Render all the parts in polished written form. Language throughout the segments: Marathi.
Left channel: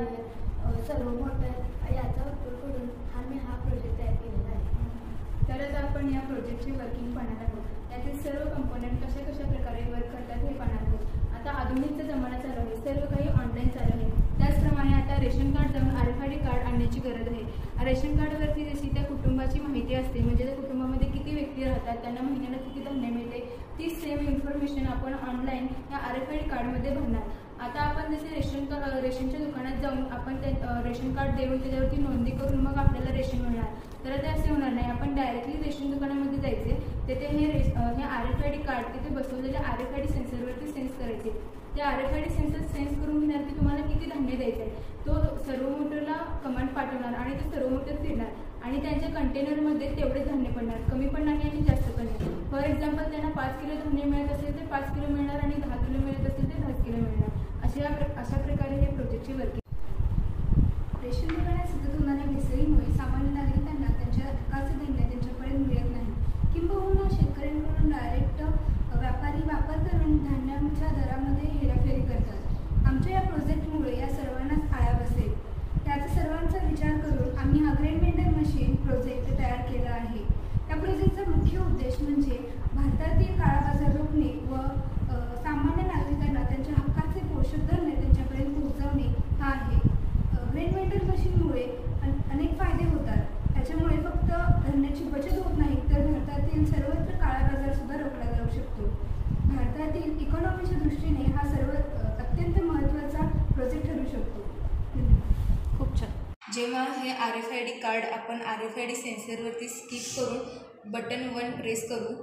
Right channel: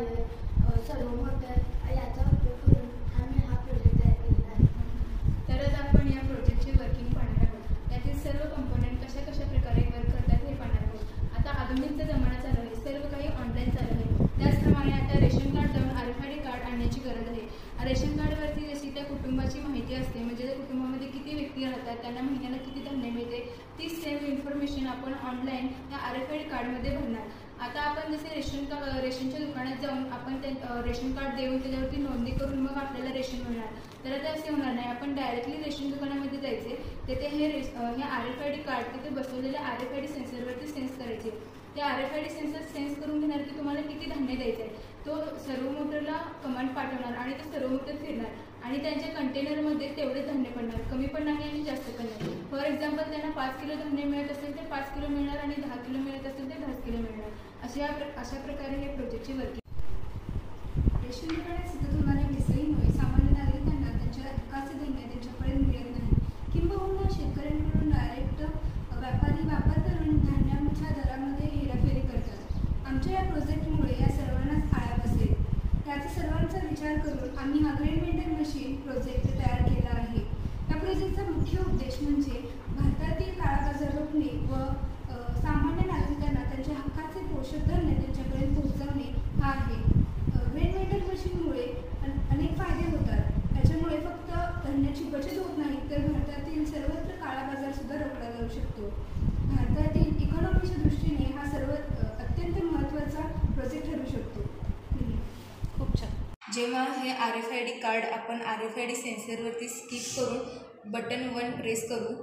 वायर, सर्व मोटर याचा उपयोग करून आम्ही हा प्रोजेक्ट तयार केलेला आहे. तरच आपण या प्रोजेक्टची वर्किंग पाहणार आहोत. त्यातील सर्व कंपोनंट कशा कशा प्रकारे वर्क करतात हे पाहणार आहोत. आता आधुनिकचा जमाना चालू आहे, सर्व काही ऑनलाईन चालू आहे. त्याचप्रमाणे आता रेशन कार्ड जाऊन RFID कार्ड आणण्याची गरज आहे. रेशन कार्डवरती जशी त्या कुटुंबाची माहिती असते, म्हणजे त्या कुटुंबामध्ये किती व्यक्ती राहतात, त्यांना महिन्याला किती धान्य मिळते, ती सेम इन्फॉर्मेशन आपण ऑनलाईन या RFID कार्डमध्ये भरणार. आता आपण जसे रेशनच्या दुकानात जाऊन आपण ते रेशन कार्ड देऊन त्याच्यावरती नोंदणी करून मग आपल्याला रेशन मिळणार, तर ते असे होणार नाही. आपण डायरेक्टली रेशन दुकानामध्ये जायचे, तिथे हे RFID कार्ड तिथे बसवलेल्या RFID सेन्सरवरती सेन्स करायचे. त्या RFID सेन्सर सेन्स करून घेणार की तुम्हाला किती धान्य द्यायचं आहे. तो सर्व मोटरला कमांड पाठवणार आणि ते सर्व मोटर फिरणार आणि त्यांच्या कंटेनरमध्ये तेवढे धान्य पडणार, कमी पण नाही आणि जास्त पण नाही. फॉर एक्झाम्पल त्यांना 5 किलो धान्य मिळत असेल तर 5 किलो मिळणार आणि 10 किलो मिळत असेल तर 10 किलो मिळणार. अशा प्रकारे हे प्रोजेक्टची वर्किंग. रेशन दुकानात सतत होणाऱ्या भेसळीमुळे सामान्य नागरिकांना त्यांच्या हक्काचे धान्य त्यांच्यापर्यंत मिळत नाही, किंबहुना शेतकऱ्यांकडून डायरेक्ट व्यापारी वापरकरून धान्याच्या दरामध्ये हेराफेरी करतात. आमच्या या प्रोजेक्टमुळे या सर्वांनाच आळा बसेल. याचा सर्वांचा विचार करून आम्ही हा ग्रेन वेंडर मशीन प्रोजेक्ट तयार केला आहे. या प्रोजेक्टचा मुख्य उद्देश म्हणजे भारतातील काळा बाजार रोखणे व सामान्य नागरिकांना त्यांच्या हक्काचे पोषक धान्य त्यांच्यापर्यंत पोहोचवणे हा आहे. ग्रेन वेंडर मशीनमुळे अनेक फायदे होतात. त्याच्यामुळे फक्त धान्याची बचत होत नाही, तर भारतातील सर्वत्र काळा बाजार सुद्धा रोखला जाऊ शकतो. भारतातील इकॉनॉमीच्या दृष्टीने हा अत्यंत महत्त्वाचा प्रोजेक्ट ठरू शकतो. खूप छान. जेव्हा हे RFID कार्ड आपण RFID सेन्सरवरती स्किप करून बटन 1 प्रेस करू,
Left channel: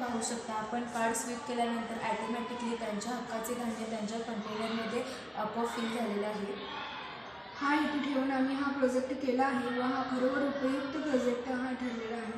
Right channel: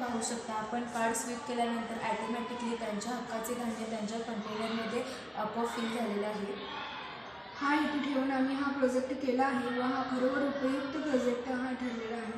पाहू शकता आपण कार्ड स्वीप केल्यानंतर ॲटोमॅटिकली त्यांच्या हक्काचे धान्य त्यांच्या कंटेनरमध्ये आपोआप फिल झालेलं आहे. हा हेतू ठेवून आम्ही हा प्रोजेक्ट केला आहे व हा खरोखर उपयुक्त प्रोजेक्ट हा ठरलेला आहे.